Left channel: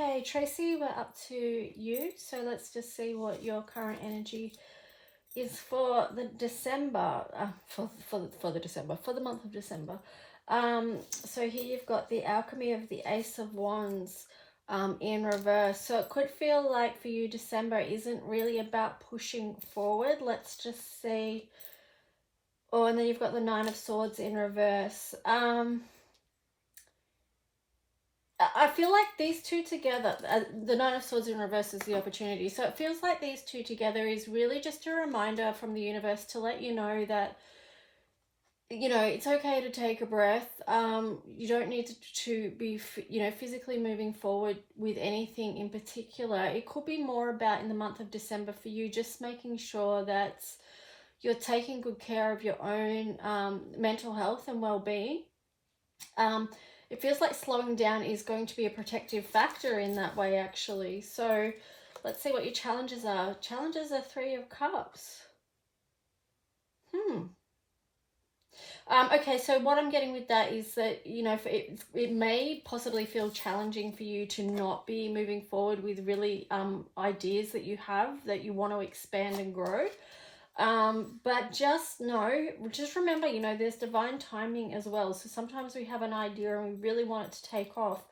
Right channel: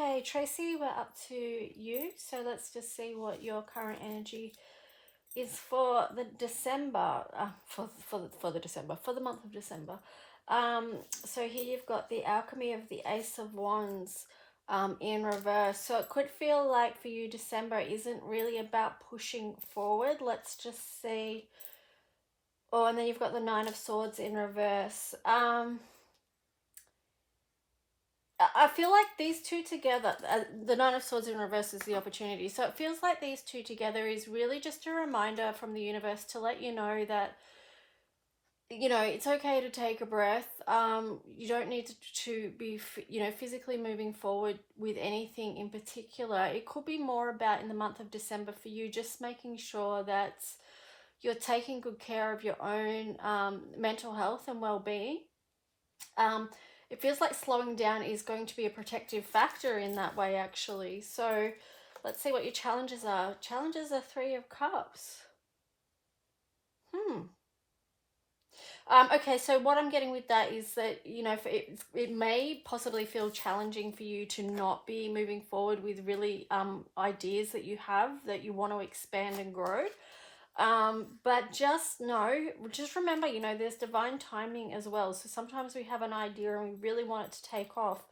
Okay, Tracy, we're up to you. So let's just see what your current energy is for the December, for the month of December. So here you've got the alchemy of the Ace of Wands in reverse. So it could feel like for you December isn't really about pushing forward. Let's just see. Oh, and then you've got the Nine of Swords in reverse. I feel like these two together, the Nine of Swords in reverse is the opportunity. So it feels like these two together is really just a reminder from the universe to let you know that, you know, it's okay to take a breath. You don't need to be, you know, physically moving forward with anything in particular. It could be more about in the month of December for you, just making sure that you're taking good care of your own mental health and well-being. It feels like slowing down is going to be a protective factor in that way, actually. So let's see what your challenges are. Challenges are Three of Cups. Okay, so what I'm getting with that is that, you know, it may possibly feel challenging for you to not be moving forward with really ideas that you have that you want to expand and grow. But just remember, you know, there's divine timing as well. So sometimes we have an idea and we really want it to take off,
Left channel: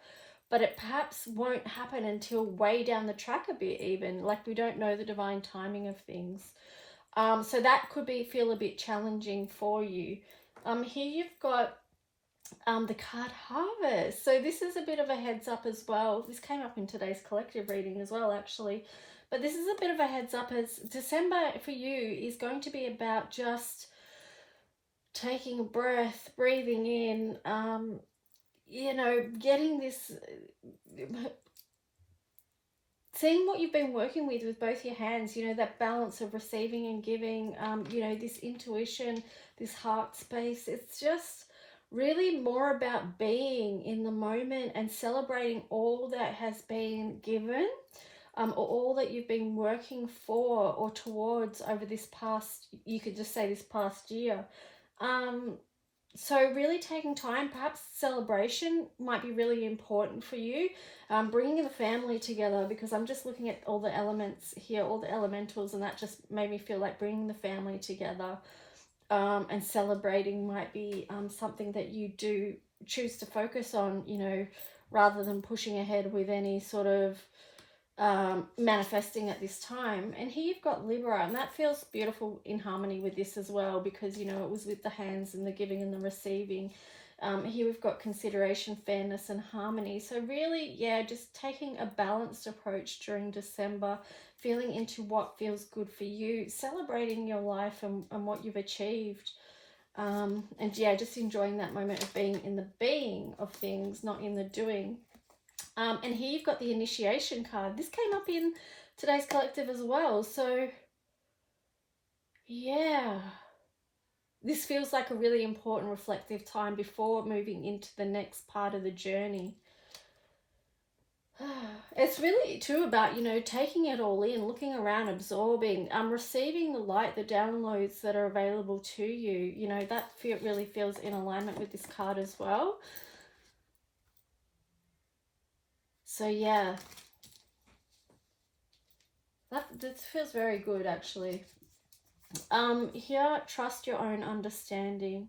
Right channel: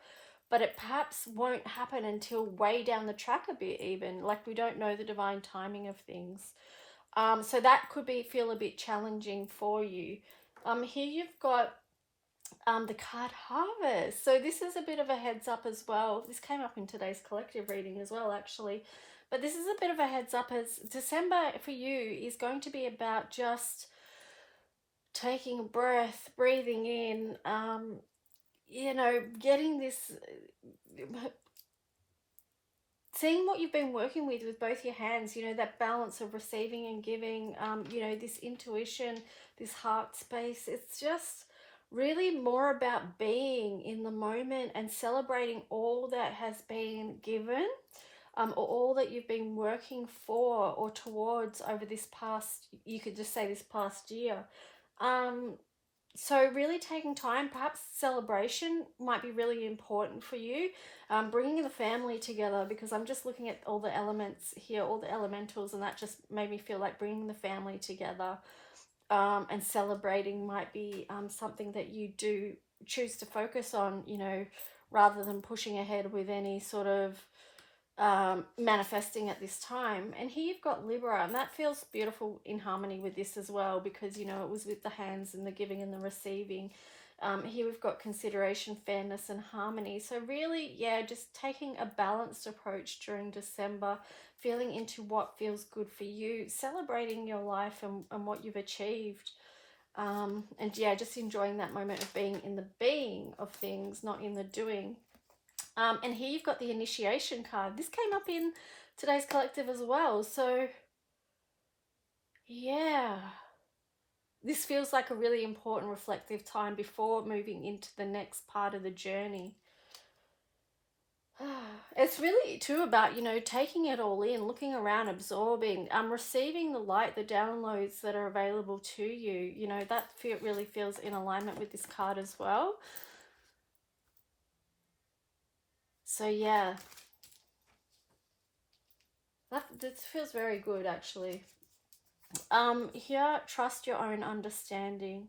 but it perhaps won't happen until way down the track a bit, even like we don't know the divine timing of things. So that could feel a bit challenging for you. Here you've got the card Harvest. So this is a bit of a heads up as well. This came up in today's collective reading as well, actually. But this is a bit of a heads up as December for you is going to be about just taking a breath, breathing in, you know, getting this, seeing what you've been working with both your hands, you know, that balance of receiving and giving, you know, this intuition, this heart space. It's just really more about being in the moment and celebrating all that has been given, or all that you've been working for or towards over this past, you could just say this past year. So really taking time, perhaps celebration might be really important for you. Bringing the family together, because I'm just looking at all the elements here, all the elementals, and that just made me feel like bringing the family together and celebrating might be something that you do choose to focus on, you know, rather than pushing ahead with any sort of manifesting at this time. And here you've got Libra, and that feels beautiful in harmony with this as well, because, you know, it was with the hands and the giving and the receiving. Here we've got consideration, fairness and harmony. So really, yeah, just taking a balanced approach during December, feeling into what feels good for you, celebrating your life and what you've achieved. And yeah, just enjoying that moment of being in the being of things, not in the doing. And here you've got the initiation card. This came up in today's collective as well. So yeah, this feels like a really important reflective time before moving into the next part of the journey. It's really too about, you know, taking it all in, looking around, absorbing, receiving the light, the downloads that are available to you. You know, that really feels in alignment with this card as well. So yeah, this feels very good, actually. Here, trust your own understanding.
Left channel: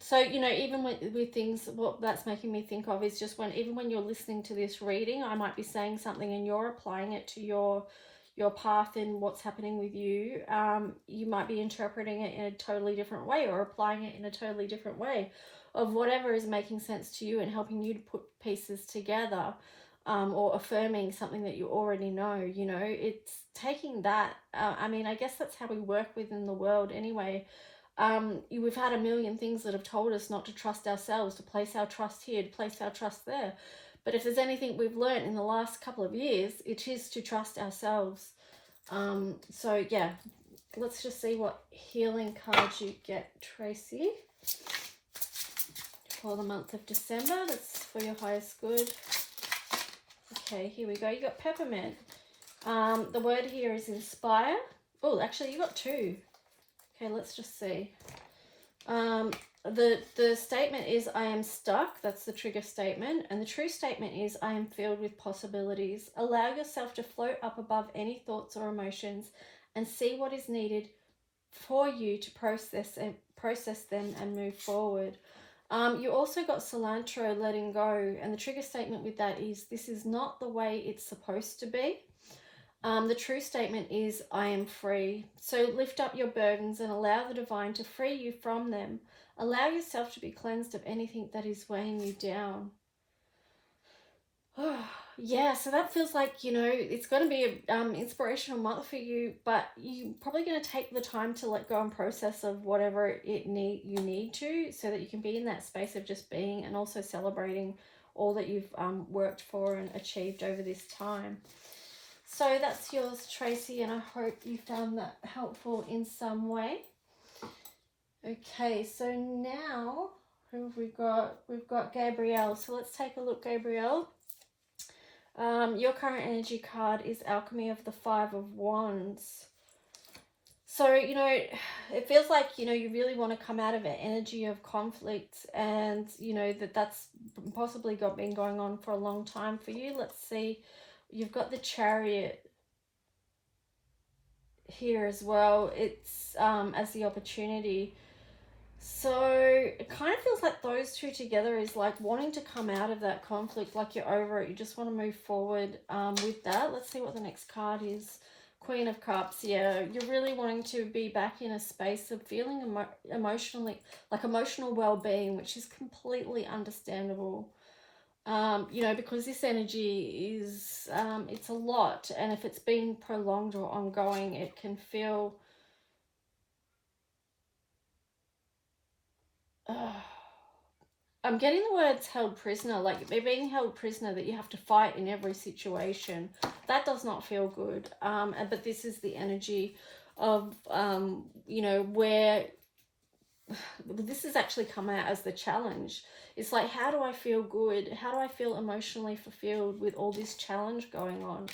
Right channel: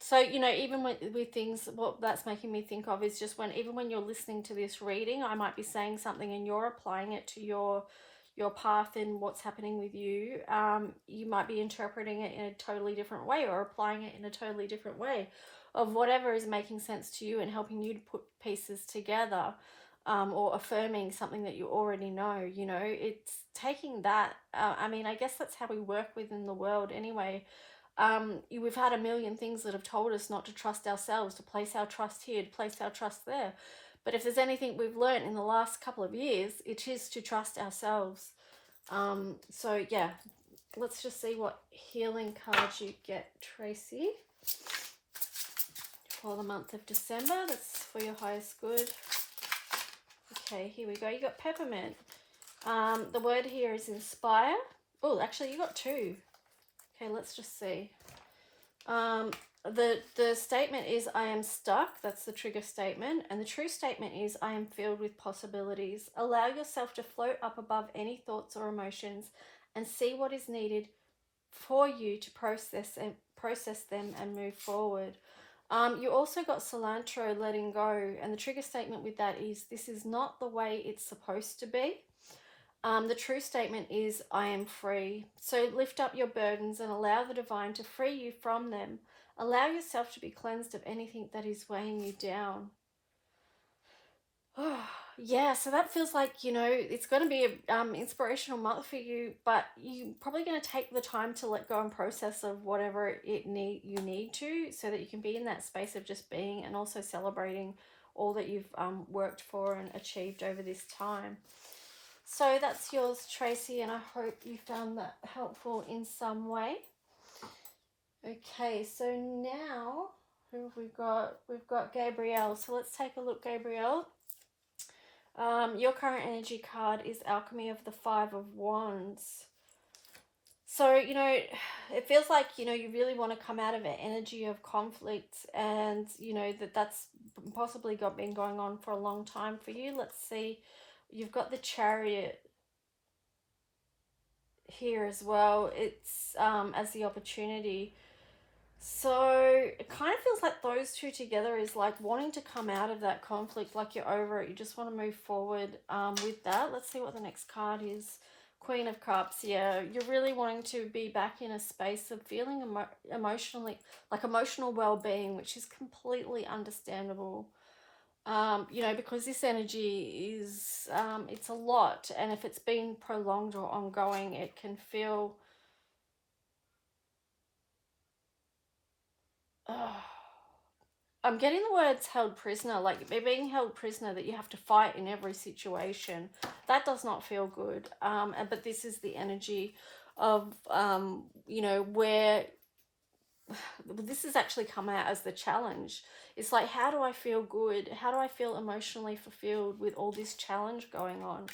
So, you know, even with things, what that's making me think of is just even when you're listening to this reading, I might be saying something and you're applying it to your path and what's happening with you. You might be interpreting it in a totally different way or applying it in a totally different way of whatever is making sense to you and helping you to put pieces together, or affirming something that you already know. You know, it's taking that. I mean, I guess that's how we work within the world anyway. We've had a million things that have told us not to trust ourselves, to place our trust here, to place our trust there. But if there's anything we've learned in the last couple of years, it is to trust ourselves. So yeah, let's just see what healing cards you get, Tracy, for the month of December. That's for your highest good. Okay, here we go. You got peppermint. The word here is inspire. Oh, actually, you got two. Okay, let's just see. the statement is, I am stuck. That's the trigger statement. And the true statement is, I am filled with possibilities. Allow yourself to float up above any thoughts or emotions and see what is needed for you to process them and move forward. You also got cilantro, letting go, and the trigger statement with that is, this is not the way it's supposed to be. The true statement is, I am free. So lift up your burdens and allow the divine to free you from them. Allow yourself to be cleansed of anything that is weighing you down. Yeah, so that feels like, you know, it's going to be an inspirational month for you, but you're probably going to take the time to let go and process of whatever you need to, so that you can be in that space of just being, and also celebrating all that you've worked for and achieved over this time. So that's yours, Tracy, and I hope you found that helpful in some way. Okay, so now who have we got? We've got Gabrielle. So let's take a look, Gabrielle. Your current energy card is Alchemy of the Five of Wands. So, you know, it feels like, you know, you really want to come out of an energy of conflict, and, you know, that's possibly been going on for a long time for you. Let's see. You've got the Chariot here as well. It's as the opportunity. So it kind of feels like those two together is like wanting to come out of that conflict, like you're over it. You just want to move forward with that. Let's see what the next card is. Queen of Cups. Yeah, you're really wanting to be back in a space of feeling emotional well-being, which is completely understandable. You know, because this energy is, it's a lot, and if it's been prolonged or ongoing, it can feel, I'm getting the words held prisoner, like you're being held prisoner, that you have to fight in every situation. That does not feel good. But this is the energy of, you know, where this has actually come out as the challenge. It's like, how do I feel good? How do I feel emotionally fulfilled with all this challenge going on?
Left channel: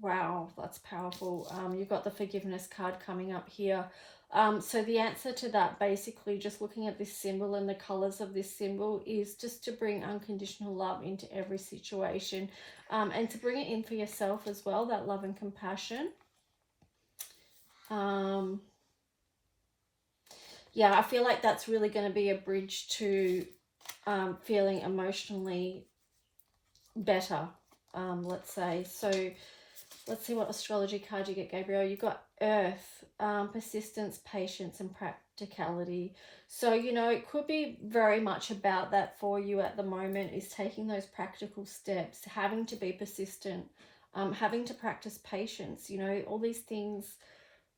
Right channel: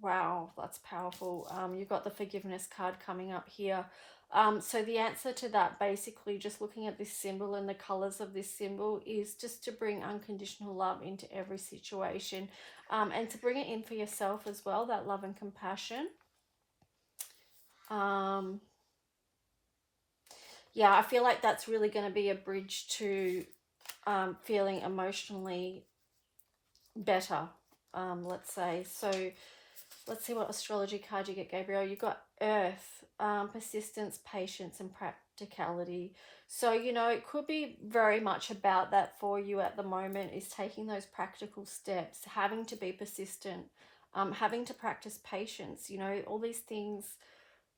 Wow, that's powerful. You've got the forgiveness card coming up here. So the answer to that, basically, just looking at this symbol and the colors of this symbol, is just to bring unconditional love into every situation, and to bring it in for yourself as well, that love and compassion. Yeah, I feel like that's really going to be a bridge to feeling emotionally better, let's say. So let's see what astrology card you get, Gabrielle. You got Earth, persistence, patience, and practicality. So, you know, it could be very much about that for you at the moment, is taking those practical steps, having to be persistent, having to practice patience. You know, all these things,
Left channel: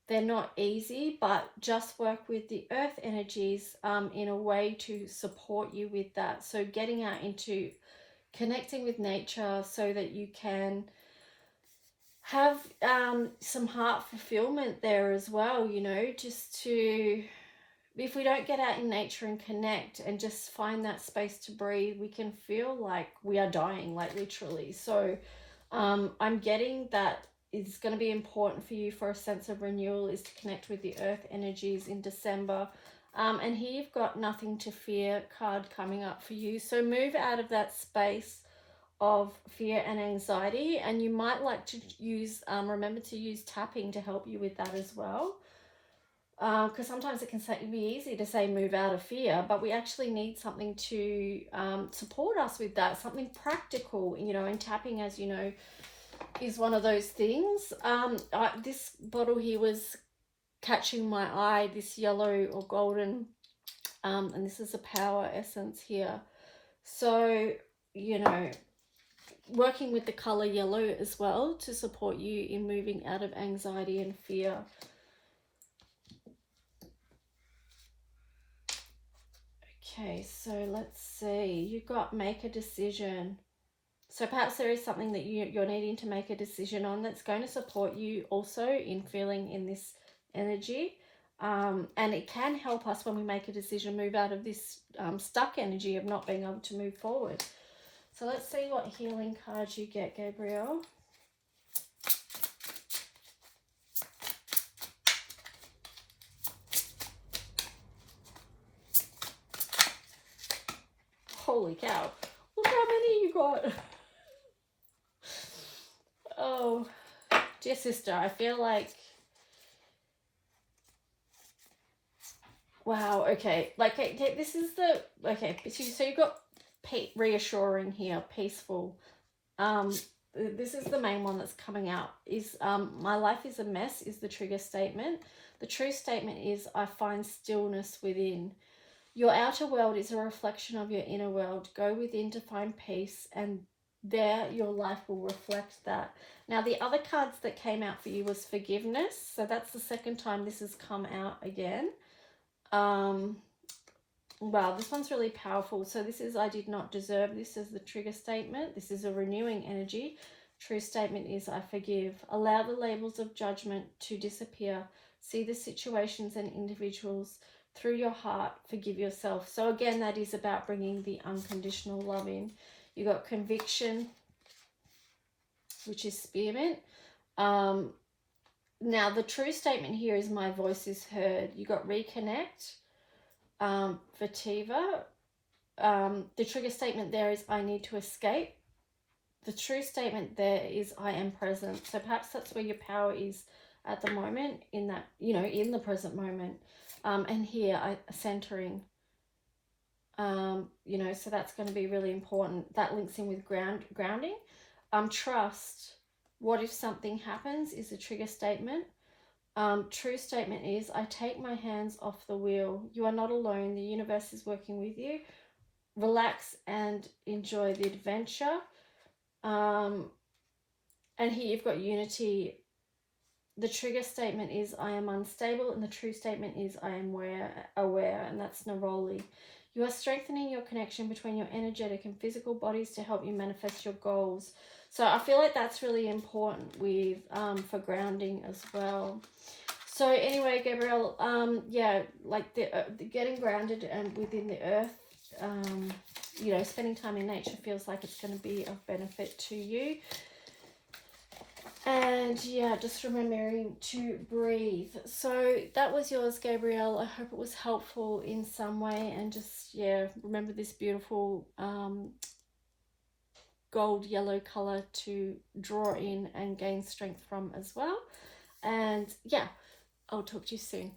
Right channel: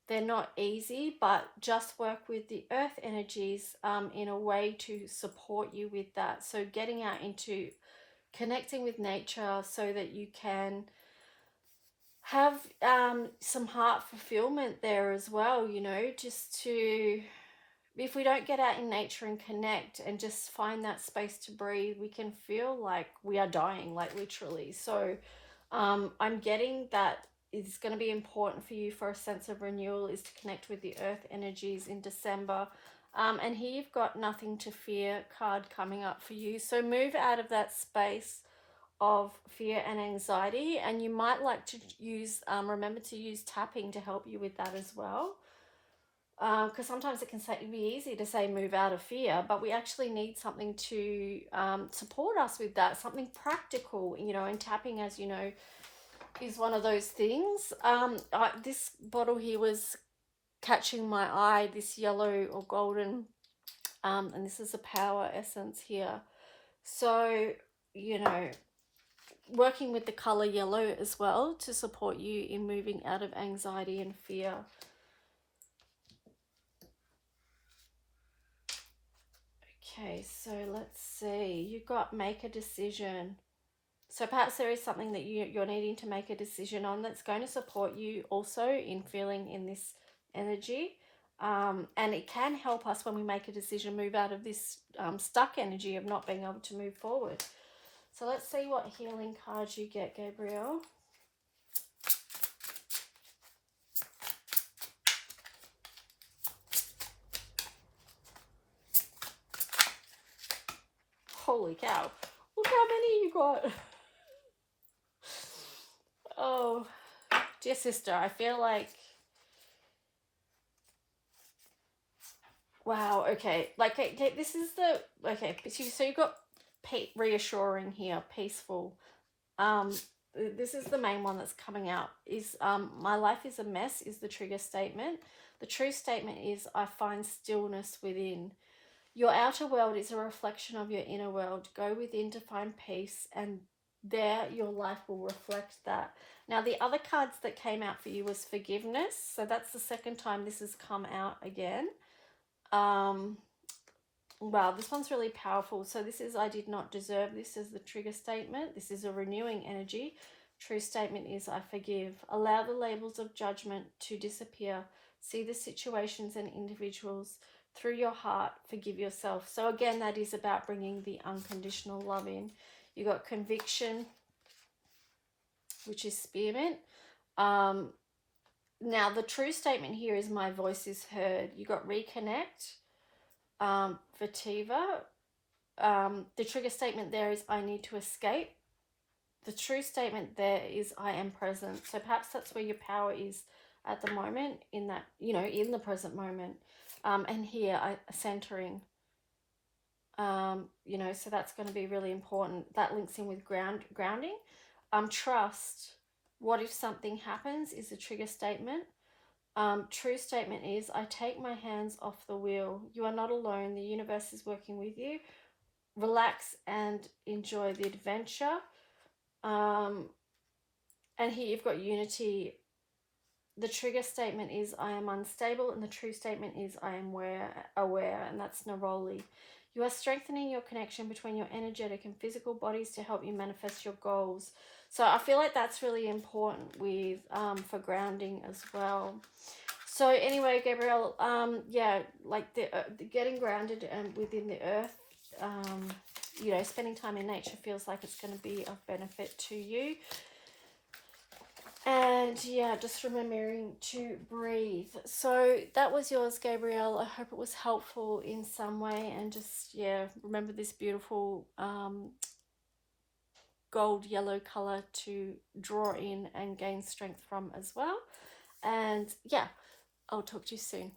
they're not easy, but just work with the earth energies in a way to support you with that. So getting out into connecting with nature so that you can have some heart fulfillment there as well, you know, just to, if we don't get out in nature and connect and just find that space to breathe, we can feel like we are dying, like literally. So I'm getting that it's going to be important for you for a sense of renewal is to connect with the earth energies in December. And here you've got Nothing to Fear card coming up for you. So move out of that space of fear and anxiety, and you might like to use remember to use tapping to help you with that as well, because sometimes it can be easy to say move out of fear, but we actually need something to support us with that, something practical, you know, and tapping, as you know, is one of those things. This bottle here was catching my eye, this yellow or golden, and this is a power essence here. So, you know, working with the color yellow as well to support you in moving out of anxiety and fear. Okay, so let's see. You've got make a decision. So perhaps there is something that you're needing to make a decision on that's going to support you also in feeling in this energy. And it can help us when we make a decision move out of this stuck energy of not being able to move forward. So let's see what healing cards you get, Gabrielle. holy cow, look how many you got. Oh, dear sister, I feel like, wow, okay, like, okay, this is the, okay, so you've got reassuring here, peaceful. This is the main one that's coming out, is my life is a mess is the trigger statement. The true statement is I find stillness within. Your outer world is a reflection of your inner world. Go within to find peace, and there your life will reflect that. Now, the other cards that came out for you was forgiveness. So that's the second time this has come out again. Wow, this one's really powerful. So this is I did not deserve this as the trigger statement. This is a renewing energy. True statement is I forgive. Allow the labels of judgment to disappear. See the situations and individuals through your heart. Forgive yourself. So again, that is about bringing the unconditional love in. You got conviction, which is spearmint. Now, the true statement here is my voice is heard. You got reconnect. Vertiva. The trigger statement there is I need to escape. The true statement there is I am present. So perhaps that's where your power is at the moment, in that, you know, in the present moment. And here, centering. You know, so that's going to be really important. That links in with grounding. Trust. What if something happens is the trigger statement. True statement is I take my hands off the wheel. You are not alone. The universe is working with you. Relax and enjoy the adventure. And here you've got unity. The trigger statement is I am unstable, and the true statement is I am aware, and that's Neroli. You are strengthening your connection between your energetic and physical bodies to help you manifest your goals. So I feel like that's really important with for grounding as well. So anyway, Gabrielle, yeah, like the getting grounded and within the earth, you know, spending time in nature feels like it's going to be of benefit to you. And yeah, just remembering to breathe. So that was yours, Gabrielle. I hope it was helpful in some way. And just, yeah, remember this beautiful gold yellow color to draw in and gain strength from as well. And yeah, I'll talk to you soon.